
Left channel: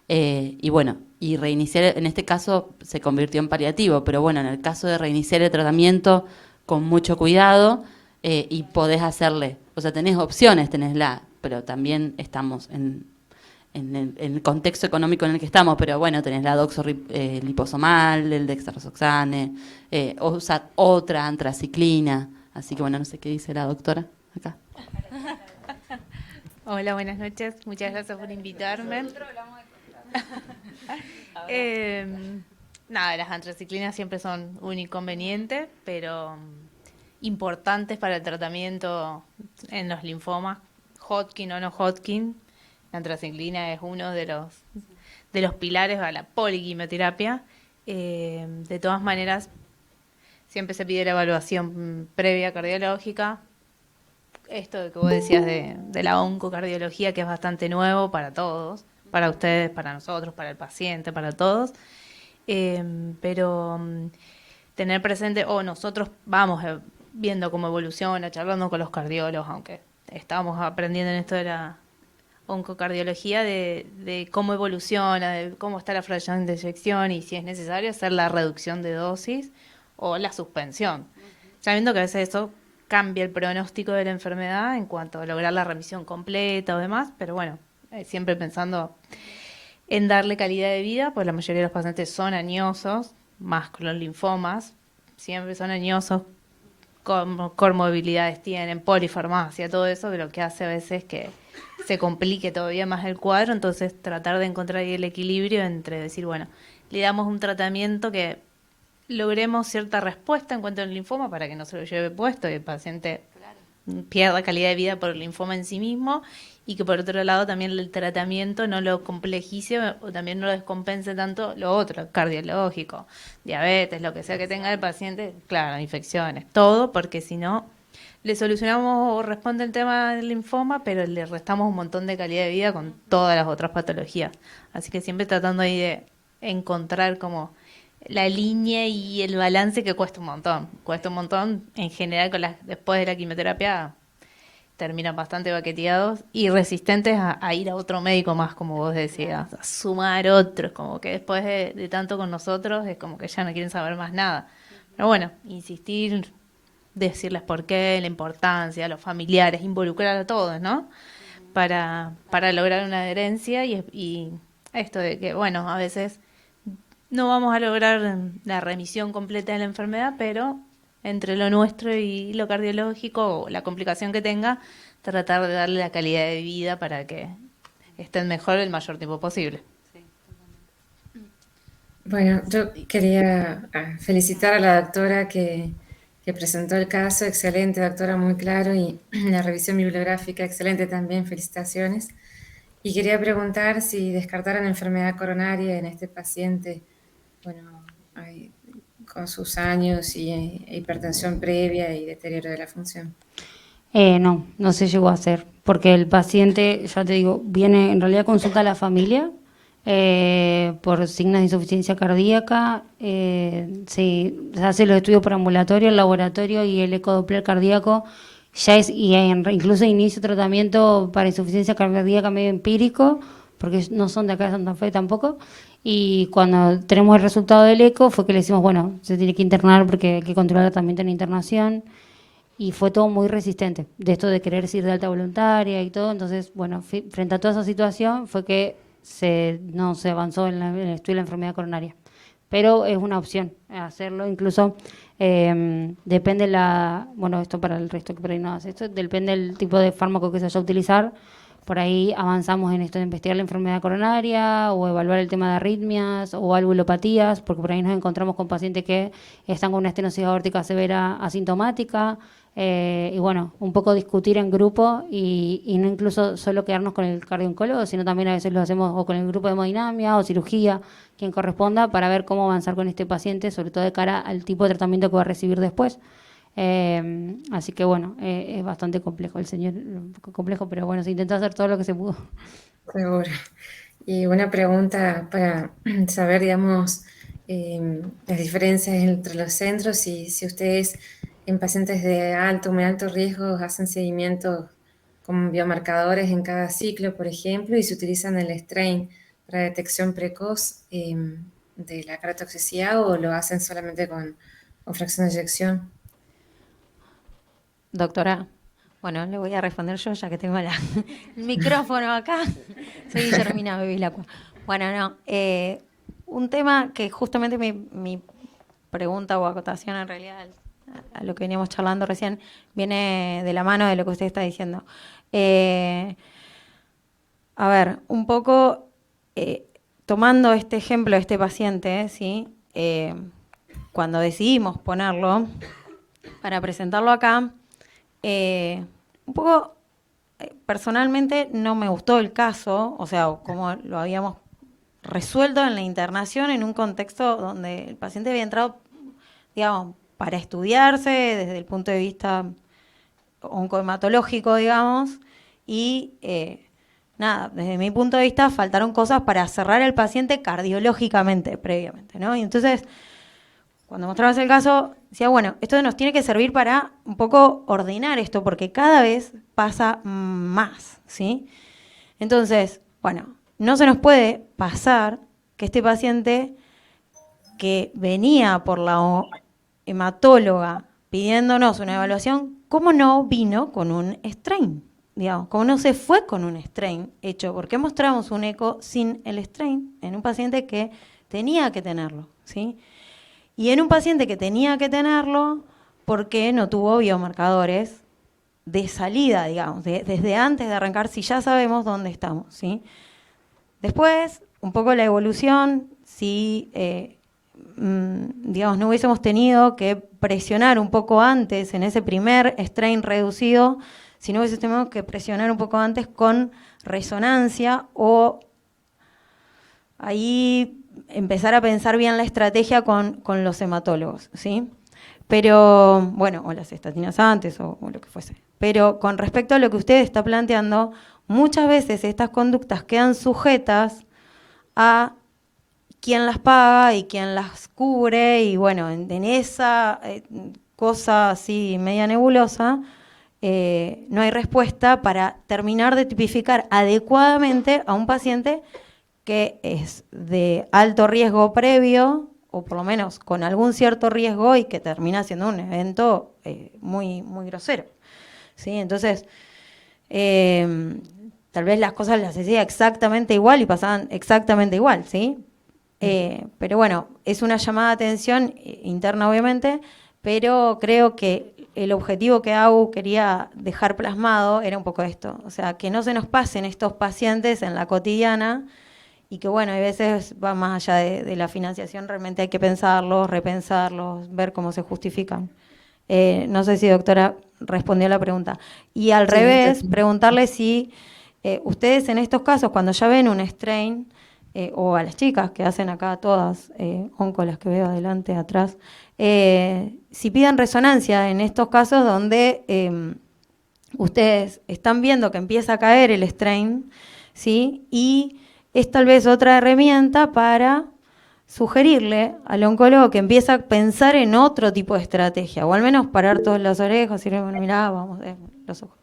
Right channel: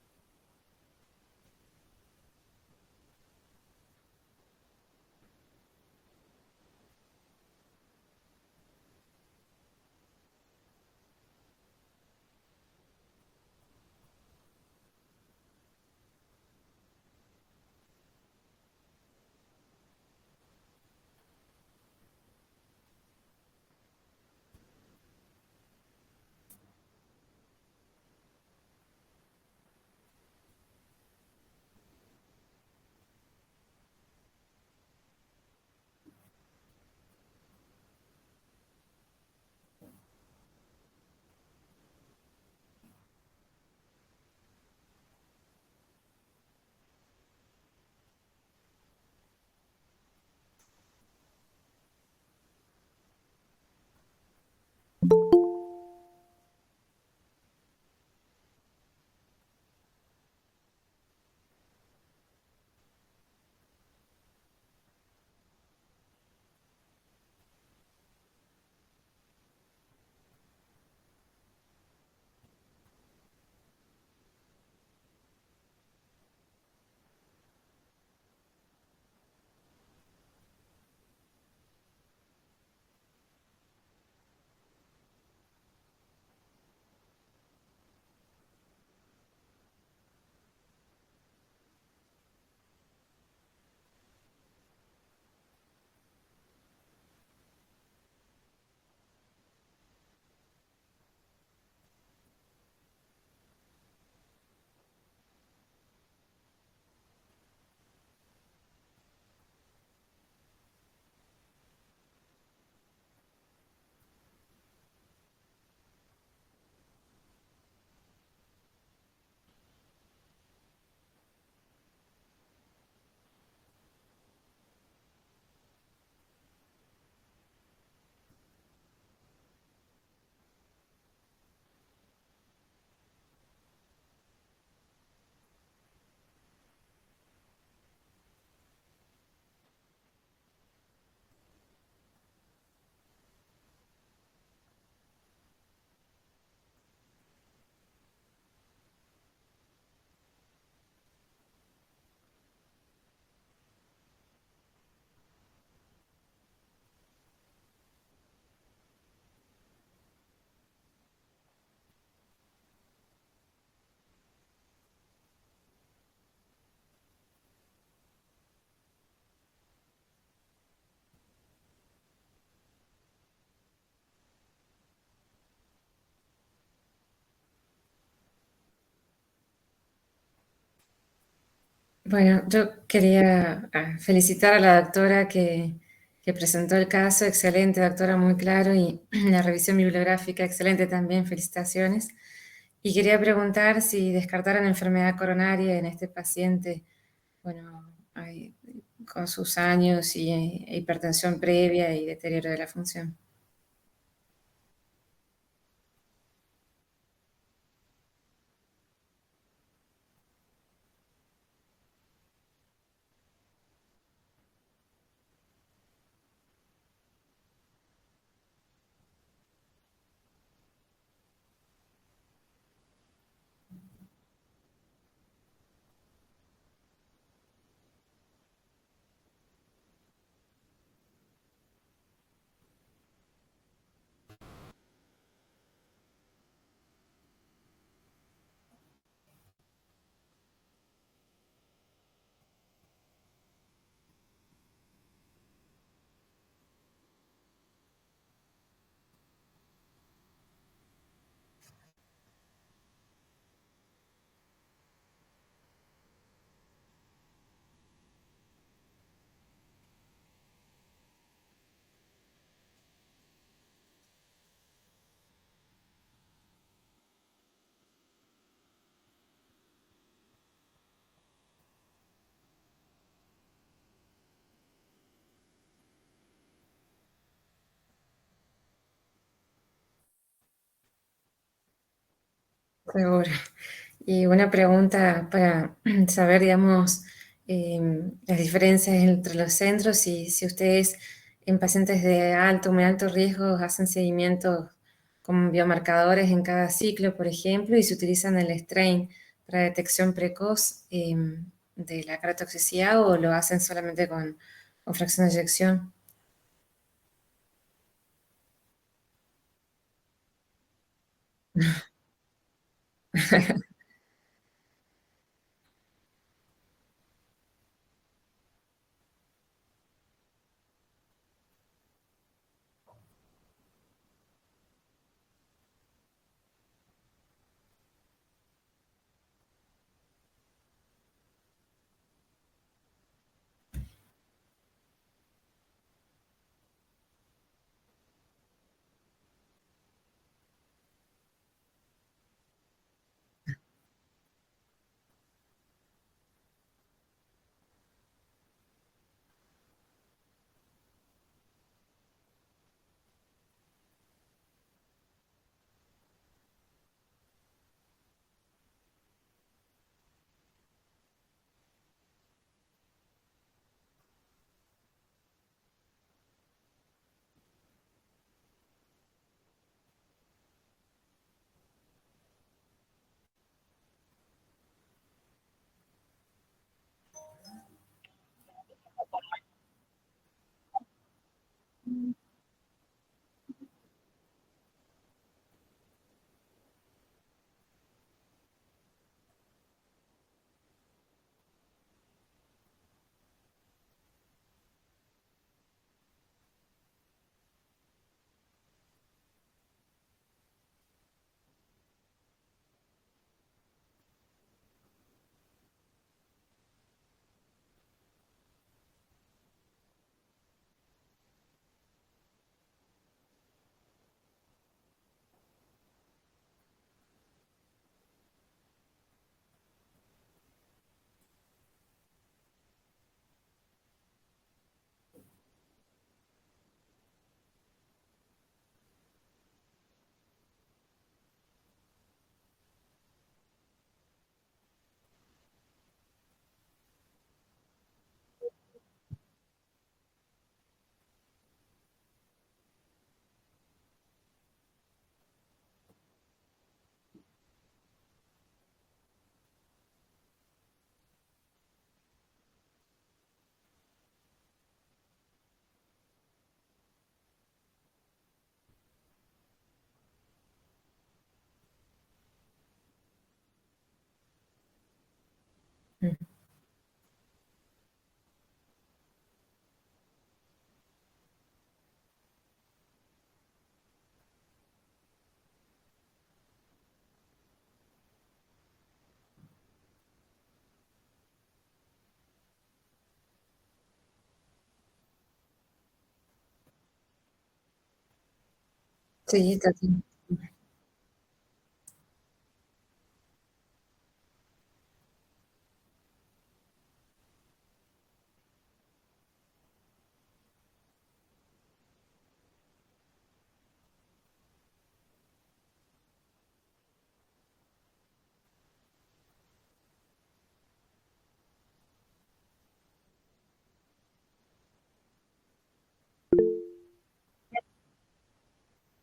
Y bueno, y reiniciar, en este caso se convirtió en paliativo, pero bueno, en el caso de reiniciar el tratamiento con mucho cuidado y podés hacerle, o sea, tenés opciones, pero también estamos en el contexto económico en el que estamos, pero bueno, tenés la liposomal, el dextraroxane, otra antraciclina, así que bueno, no sé qué dice la doctora acá. Hola, buenas noches. Muchas gracias por invitarme. Eh, Nada, las antraciclinas siempre son un inconveniente, pero importantes para el tratamiento en los linfomas, Hodgkin o no Hodgkin. La antraciclina es uno de los pilares para la poliquimioterapia. De todas maneras, siempre se pide la evaluación previa cardiológica. Esto que vos decías de la oncocardiología, que es bastante nuevo para todos, para ustedes, para nosotros, para el paciente, para todos. Pero tener presente, o nosotros vamos viendo cómo evoluciona, charlando con los cardiólogos, aunque estamos aprendiendo en esto de la oncocardiología, de cómo evoluciona, de cómo está la fracción de eyección y si es necesario hacer la reducción de dosis o la suspensión. Sabiendo que a veces eso cambia el pronóstico de la enfermedad en cuanto a lograr la remisión completa o demás, pero bueno, siempre pensando en darle calidad de vida, pues la mayoría de los pacientes son añosos, más con los linfomas, siempre son añosos, comorbilidades tienen, polifarmacia, todo eso, que lo que hace a veces que se complique todavía más el cuadro, entonces tratar de encontrar ahí el equilibrio entre decir, bueno, le damos un tratamiento que logremos cierta respuesta en cuanto al linfoma para que no se lo lleve puesto y el paciente pierda calidad de vida por el linfoma en sí mismo y que por otro lado también el tratamiento no lo complejice o también no lo descompense tanto lo otro, cardiológico, diabetes, lo que sea que tenga el paciente, claro, infecciones, todo, porque si no le solucionamos o responde el tema del linfoma, pero le restamos un montón de calidad de vida con todas las otras patologías. Así que siempre tratando ahí de encontrar como la línea y el balance que cuesta un montón en general después de la quimioterapia terminan bastante baqueteados y resistentes a ir a otro médico más, como vos decías, a sumar otros, como que después de tanto con nosotros es como que ya no quieren saber más nada. Pero bueno, insistir, decirles por qué, la importancia, a los familiares, involucrar a todos, ¿no? Para lograr una adherencia y esto de que, bueno, a veces no vamos a lograr la remisión completa de la enfermedad, pero entre lo nuestro y lo cardiológico o la complicación que tenga, tratar de darle la calidad de vida para que estén mejor el mayor tiempo posible. Bueno, yo quería felicitar a la doctora que presentó el caso, excelente doctora, muy claro, y la revisión bibliográfica, excelente también, felicitaciones. Y quería preguntar si descartaron enfermedad coronaria en este paciente, bueno, con sus años y hipertensión previa y deterioro de la función. No se llegó a hacer, porque el paciente, ya te digo, viene en realidad consulta a la familia por signos de insuficiencia cardíaca, se hace los estudios por ambulatorio, el laboratorio y el ecodoppler cardíaco, ya es, incluso inicio tratamiento para insuficiencia cardíaca medio empírico, porque no son de acá de Santa Fe tampoco, y cuando tenemos el resultado del eco fue que le decimos, bueno, se tiene que internar porque hay que controlar también en internación, y fue todo muy resistente, de esto de querer ir de alta voluntaria y todo. Entonces, bueno, frente a toda esa situación fue que no se avanzó en el estudio de la enfermedad coronaria. Pero es una opción hacerlo, incluso depende bueno, esto para el resto que por ahí no hace, esto depende del tipo de fármaco que se vaya a utilizar. Por ahí avanzamos en esto de investigar la enfermedad coronaria o evaluar el tema de arritmias o valvulopatías, porque por ahí nos encontramos con pacientes que están con una estenosis aórtica severa asintomática. Y bueno, un poco discutir en grupo y no incluso solo quedarnos con el cardiooncólogo, sino también a veces lo hacemos o con el grupo de hemodinamia o cirugía, quien corresponda, para ver cómo avanzar con este paciente, sobre todo de cara al tipo de tratamiento que va a recibir después. Así que bueno, es bastante complejo el señor, un poco complejo, pero bueno, se intentó hacer todo lo que se pudo. Seguro. Y una pregunta para saber, digamos, las diferencias entre los centros y si ustedes en pacientes de alto o muy alto riesgo hacen seguimiento con biomarcadores en cada ciclo, por ejemplo, y si utilizan el strain para detección precoz de la cardiotoxicidad o lo hacen solamente con fracción de eyección. Doctora, bueno, le voy a responder yo ya que tengo el micrófono acá. Soy Guillermina Bevilacqua. Bueno, no, un tema que justamente mi pregunta o acotación en realidad a lo que veníamos charlando recién viene de la mano de lo que usted está diciendo. A ver, un poco tomando este ejemplo de este paciente, ¿sí? Cuando decidimos ponerlo para presentarlo acá, un poco personalmente no me gustó el caso, o sea, como lo habíamos resuelto en la internación en un contexto donde el paciente había entrado, digamos, para estudiarse desde el punto de vista oncohematológico, digamos, y nada, desde mi punto de vista faltaron cosas para cerrar el paciente cardiológicamente previamente, ¿no? Y entonces, cuando mostramos el caso, decía, bueno, esto nos tiene que servir para un poco ordenar esto, porque cada vez pasa más, ¿sí? Entonces, bueno, no se nos puede pasar que este paciente que venía por la hematóloga pidiéndonos una evaluación, ¿cómo no vino con un strain? Digamos, ¿cómo no se fue con un strain hecho? Porque mostramos un eco sin el strain en un paciente que tenía que tenerlo, ¿sí? Y en un paciente que tenía que tenerlo, porque no tuvo biomarcadores de salida, digamos, desde antes de arrancar, si ya sabemos dónde estamos, ¿sí? Después, un poco la evolución, si, digamos, no hubiésemos tenido que presionar un poco antes en ese primer strain reducido, si no hubiésemos tenido que presionar un poco antes con resonancia o ahí empezar a pensar bien la estrategia con los hematólogos, ¿sí? Pero, bueno, o las estatinas antes o lo que fuese. Pero con respecto a lo que usted está planteando, muchas veces estas conductas quedan sujetas a quién las paga y quién las cubre, y bueno, en esa cosa así media nebulosa, no hay respuesta para terminar de tipificar adecuadamente a un paciente que es de alto riesgo previo, o por lo menos con algún cierto riesgo, y que termina siendo un evento muy, muy grosero, ¿sí? Entonces, tal vez las cosas las hacía exactamente igual y pasaban exactamente igual, ¿sí? Pero bueno, es una llamada de atención interna obviamente, pero creo que el objetivo que AU quería dejar plasmado era un poco esto, o sea, que no se nos pasen estos pacientes en la cotidiana, y que bueno, a veces va más allá de la financiación, realmente hay que pensarlos, repensarlos, ver cómo se justifican. No sé si doctora respondió a la pregunta. Y al revés, preguntarle si ustedes en estos casos, cuando ya ven un strain, o a las chicas que hacen acá todas, onco las que veo adelante, atrás, si piden resonancia en estos casos donde ustedes están viendo que empieza a caer el strain, ¿sí? Y es tal vez otra herramienta para sugerirle al oncólogo que empiece a pensar en otro tipo de estrategia, o al menos parar todas las orejas y decirle, bueno, mirá, vamos, los ojos.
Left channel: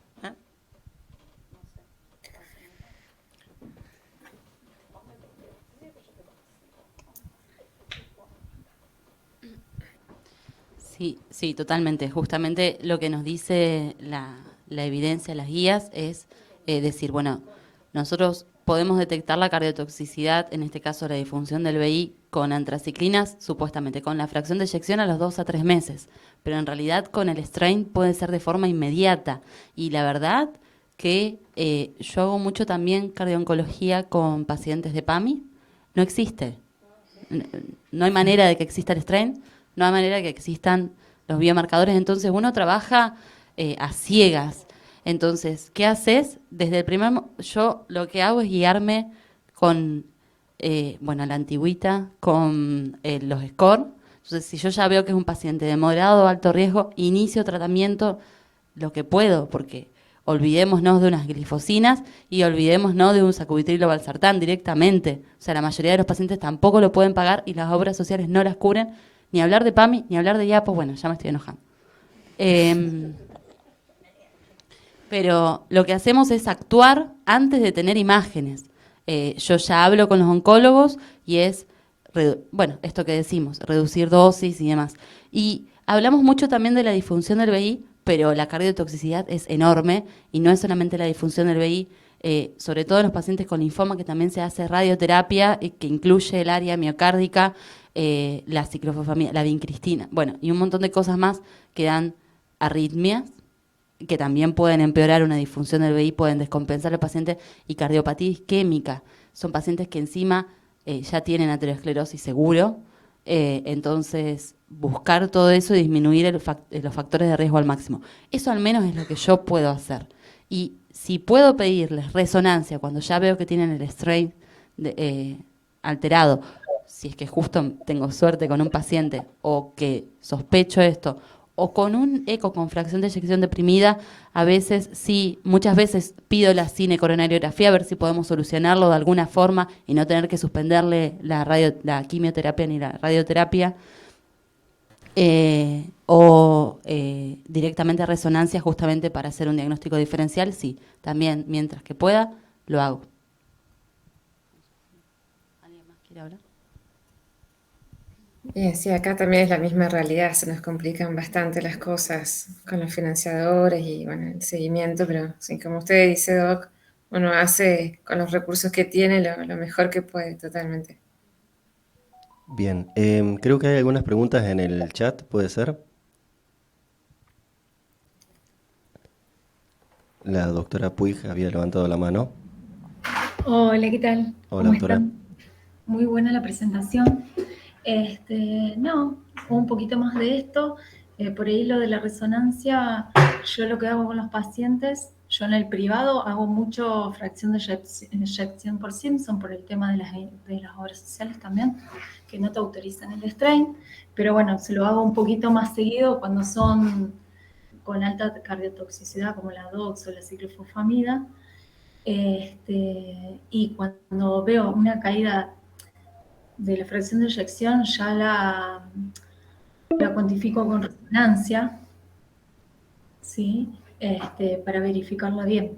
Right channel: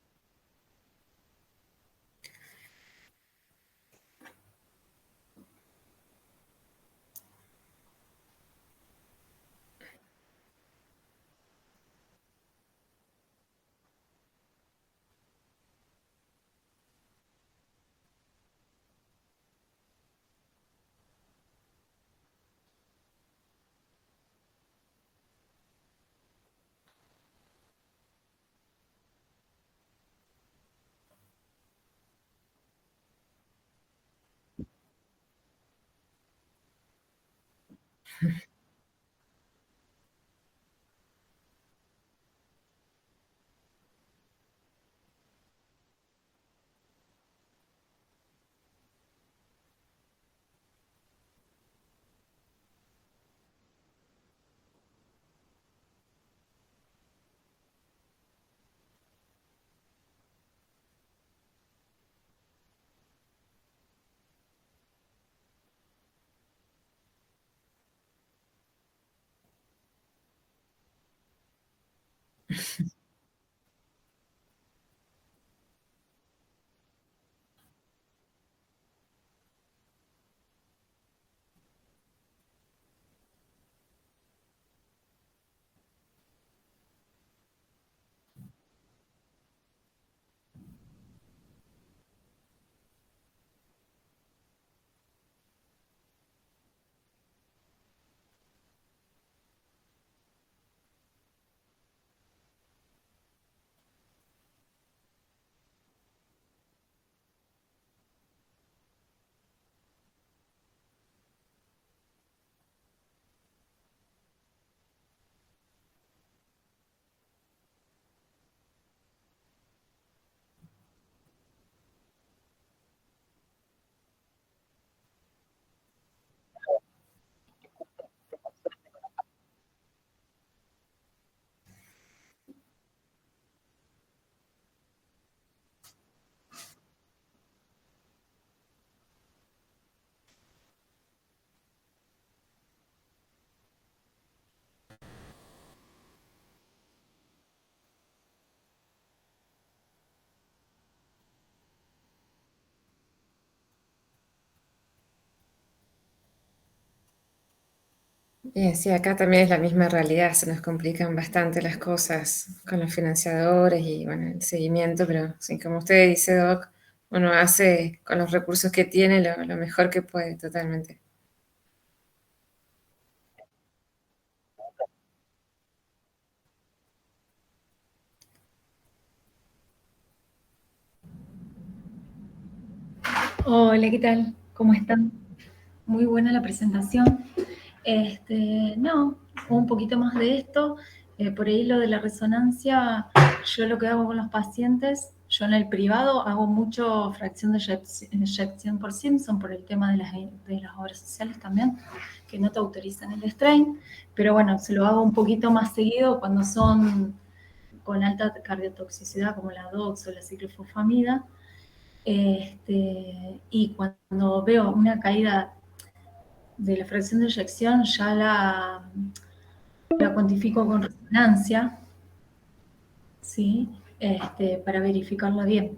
Sí, sí, totalmente. Justamente lo que nos dice la evidencia, las guías, es decir, bueno, nosotros podemos detectar la cardiotoxicidad, en este caso la disfunción del VI, con antraciclinas, supuestamente con la fracción de eyección a los 2 a 3 meses, pero en realidad con el strain puede ser de forma inmediata. Y la verdad que yo hago mucho también cardiooncología con pacientes de PAMI, no existe. No hay manera de que exista el strain, no hay manera de que existan los biomarcadores, entonces uno trabaja a ciegas. Entonces, ¿qué haces? Desde el yo lo que hago es guiarme con, bueno, la antigüita, con los SCORE. Entonces, si yo ya veo que es un paciente de moderado o alto riesgo, inicio tratamiento lo que puedo, porque olvidémonos de unas glifosinas y olvidémonos de un sacubitril o valsartán directamente. O sea, la mayoría de los pacientes tampoco lo pueden pagar y las obras sociales no las cubren. Ni hablar de PAMI, ni hablar de IAPO, bueno, ya me estoy enojando. Pero lo que hacemos es actuar antes de tener imágenes. Yo ya hablo con los oncólogos y es, bueno, esto que decimos, reducir dosis y demás. Y hablamos mucho también de la disfunción del VI, pero la cardiotoxicidad es enorme y no es solamente la disfunción del VI, sobre todo en los pacientes con linfoma, que también se hace radioterapia, que incluye el área miocárdica, la ciclofosfamida, la vincristina, bueno, y un montón de cosas más que dan arritmias, que también pueden empeorar una disfunción del VI, pueden descompensar al paciente, y cardiopatía isquémica. Son pacientes que encima ya tienen aterosclerosis seguro, entonces buscar todo eso y disminuir los factores de riesgo al máximo. Eso al menos es lo que yo puedo hacer. Y si puedo pedirles resonancia cuando ya veo que tienen el strain alterado, si es que justo tengo suerte con un paciente o que sospecho esto, o con un eco con fracción de eyección deprimida, a veces sí, muchas veces pido la cinecoronariografía a ver si podemos solucionarlo de alguna forma y no tener que suspenderle la quimioterapia ni la radioterapia, o directamente a resonancia justamente para hacer un diagnóstico diferencial, sí, también mientras que pueda, lo hago. ¿Alguien más quiere hablar? Bien, sí, acá también es la misma realidad, se nos complican bastante las cosas con los financiadores y bueno, el seguimiento, pero sí, como usted dice, Doc, uno hace con los recursos que tiene lo mejor que puede, totalmente. Bien, creo que hay algunas preguntas en el chat, ¿puede ser? La doctora Puig había levantado la mano. Hola, ¿qué tal? Hola, ¿Cómo doctora. están? Muy buena la presentación. No, un poquito más de esto. Por ahí lo de la resonancia, yo lo que hago con los pacientes, yo en el privado hago mucho fracción de eyección por Simpson por el tema de las obras sociales también, que no te autorizan el strain, pero bueno, se lo hago un poquito más seguido cuando son con alta cardiotoxicidad como la DOX o la ciclofosfamida. Y cuando veo una caída de la fracción de eyección, ya la cuantifico con resonancia, ¿sí? Para verificarla bien.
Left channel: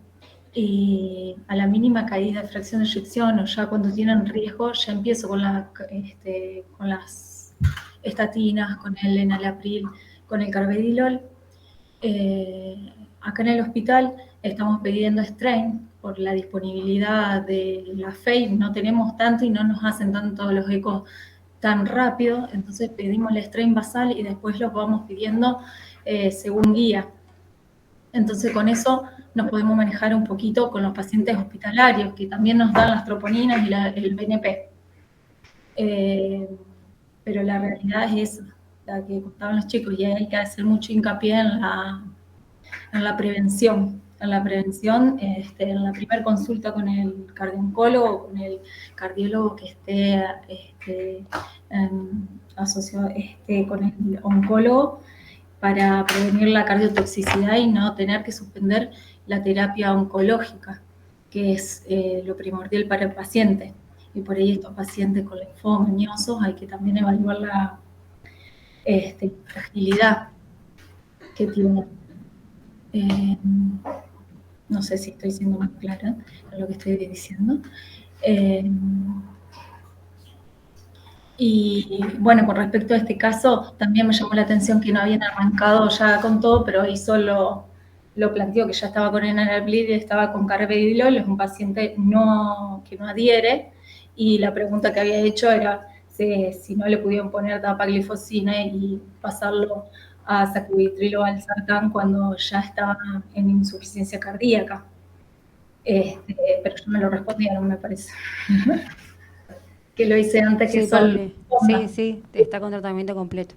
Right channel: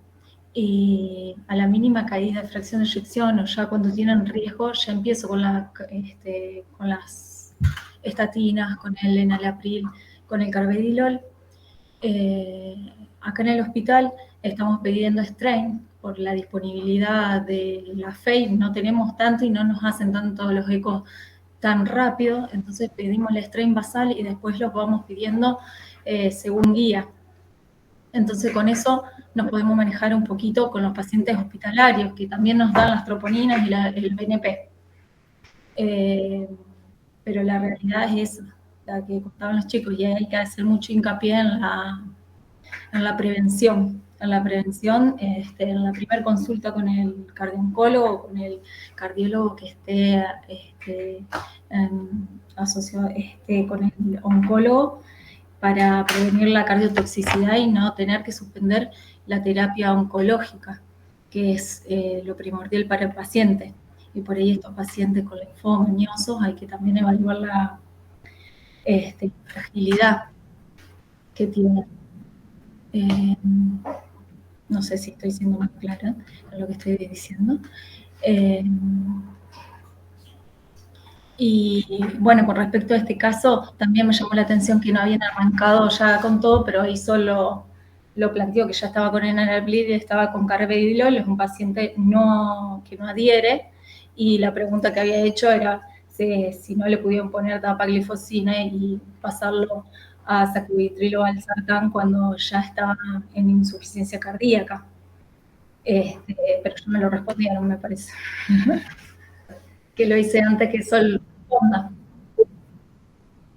Y a la mínima caída de fracción de eyección o ya cuando tienen riesgo, ya empiezo con las estatinas, con el enalapril, con el carvedilol. Acá en el hospital estamos pidiendo strain por la disponibilidad de la FEI, no tenemos tanto y no nos hacen tanto los ecos tan rápido, entonces pedimos el strain basal y después los vamos pidiendo según guía. Entonces con eso nos podemos manejar un poquito con los pacientes hospitalarios, que también nos dan las troponinas y el BNP. Pero la realidad es esa, la que contaban los chicos, y hay que hacer mucho hincapié en la prevención. En la prevención, en la primera consulta con el cardioncólogo, con el cardiólogo que esté asociado con el oncólogo, para prevenir la cardiotoxicidad y no tener que suspender la terapia oncológica, que es lo primordial para el paciente. Y por ahí estos pacientes con linfoma mañosos hay que también evaluar la fragilidad que tienen. No sé si estoy siendo más clara en lo que estoy diciendo. Y bueno, con respecto a este caso, también me llamó la atención que no habían arrancado ya con todo, pero ahí solo lo planteó que ya estaba con enalapril y estaba con carvedilol, es un paciente que no adhiere, y la pregunta que había hecho era si no le pudieron poner dapaglifosina y pasarlo a sacubitril o al sartán cuando ya estaba en insuficiencia cardíaca. Pero ya me lo respondieron, me parece. Que lo hice antes que Sí, solo. sí, sí, está con tratamiento completo.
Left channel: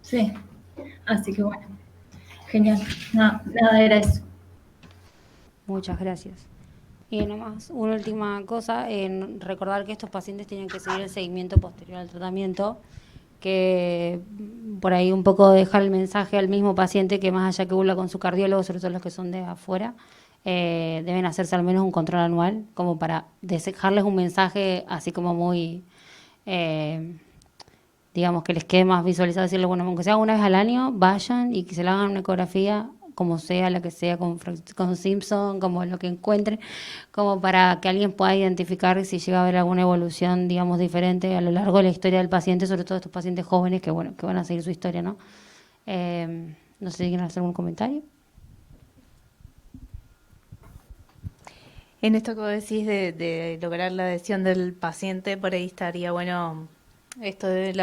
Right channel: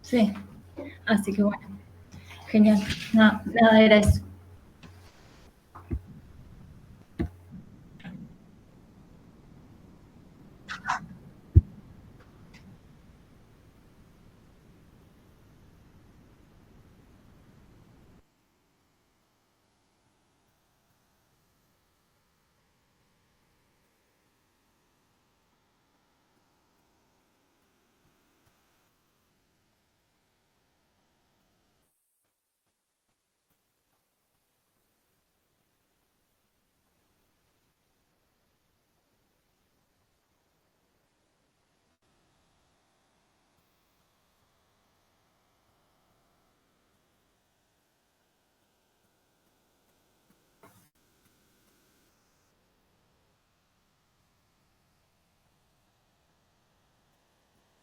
Sí, así que bueno, genial. Nada, era eso. Muchas gracias. Y nomás, una última cosa, recordar que estos pacientes tienen que seguir el seguimiento posterior al tratamiento, que por ahí un poco dejar el mensaje al mismo paciente que más allá que burla con su cardiólogo, sobre todo los que son de afuera, deben hacerse al menos un control anual, como para dejarles un mensaje así como muy, digamos, que les quede más visualizado, decirle, bueno, aunque sea una vez al año, vayan y que se le hagan una ecografía, como sea, la que sea, con Simpson, como lo que encuentren, como para que alguien pueda identificar si llega a haber alguna evolución, digamos, diferente a lo largo de la historia del paciente, sobre todo estos pacientes jóvenes que, bueno, que van a seguir su historia, ¿no? No sé si quieren hacer algún comentario. En esto que vos decís de lograr la adhesión del paciente, por ahí estaría bueno esto de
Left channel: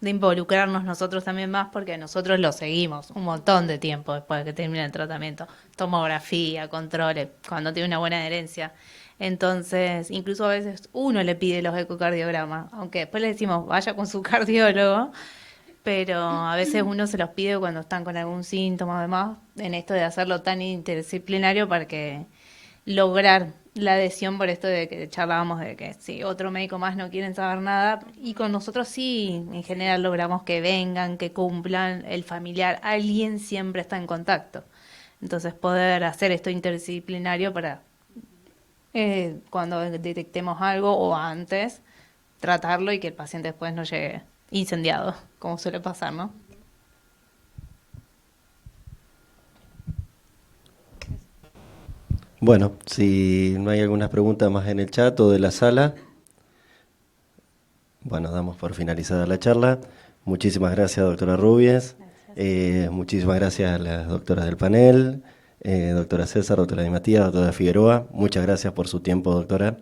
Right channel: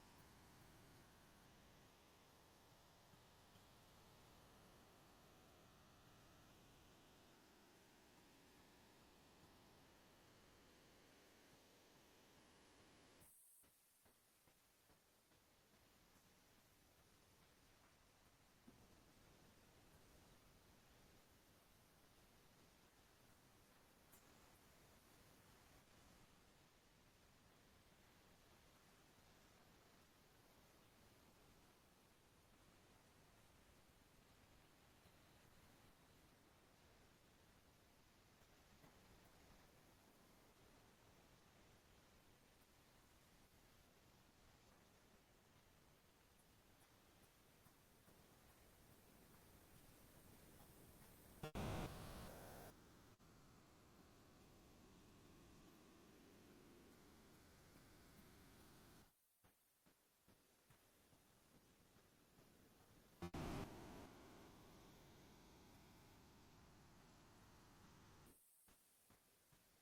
involucrarnos nosotros también más, porque nosotros lo seguimos un montón de tiempo después de que termina el tratamiento. Tomografía, controles, cuando tiene una buena adherencia. Entonces, incluso a veces uno le pide los ecocardiogramas, aunque después le decimos vaya con su cardiólogo, pero a veces uno se los pide cuando están con algún síntoma, además, en esto de hacerlo tan interdisciplinario para que lograr la adhesión por esto de que charlábamos de que si otro médico más no quieren saber nada, y con nosotros sí, en general logramos que vengan, que cumplan, el familiar, alguien siempre está en contacto. Entonces poder hacer esto interdisciplinario para cuando detectemos algo o antes, tratarlo y que el paciente después no llegue incendiado, como suele pasar, ¿no? Bueno, si no hay algunas preguntas más en el chat o de la sala, bueno, damos por finalizada la charla. Muchísimas gracias, doctora Rubies. Muchísimas gracias a las doctoras del panel, doctora César, doctora Di Matías, doctora Figueroa. Muchas gracias por su tiempo, doctora.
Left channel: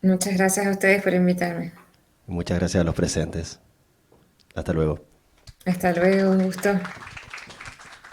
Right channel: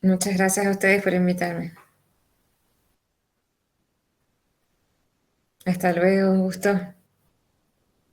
Muchas gracias a ustedes por invitarme. Muchas gracias a los presentes. Hasta luego. Hasta luego, un gusto.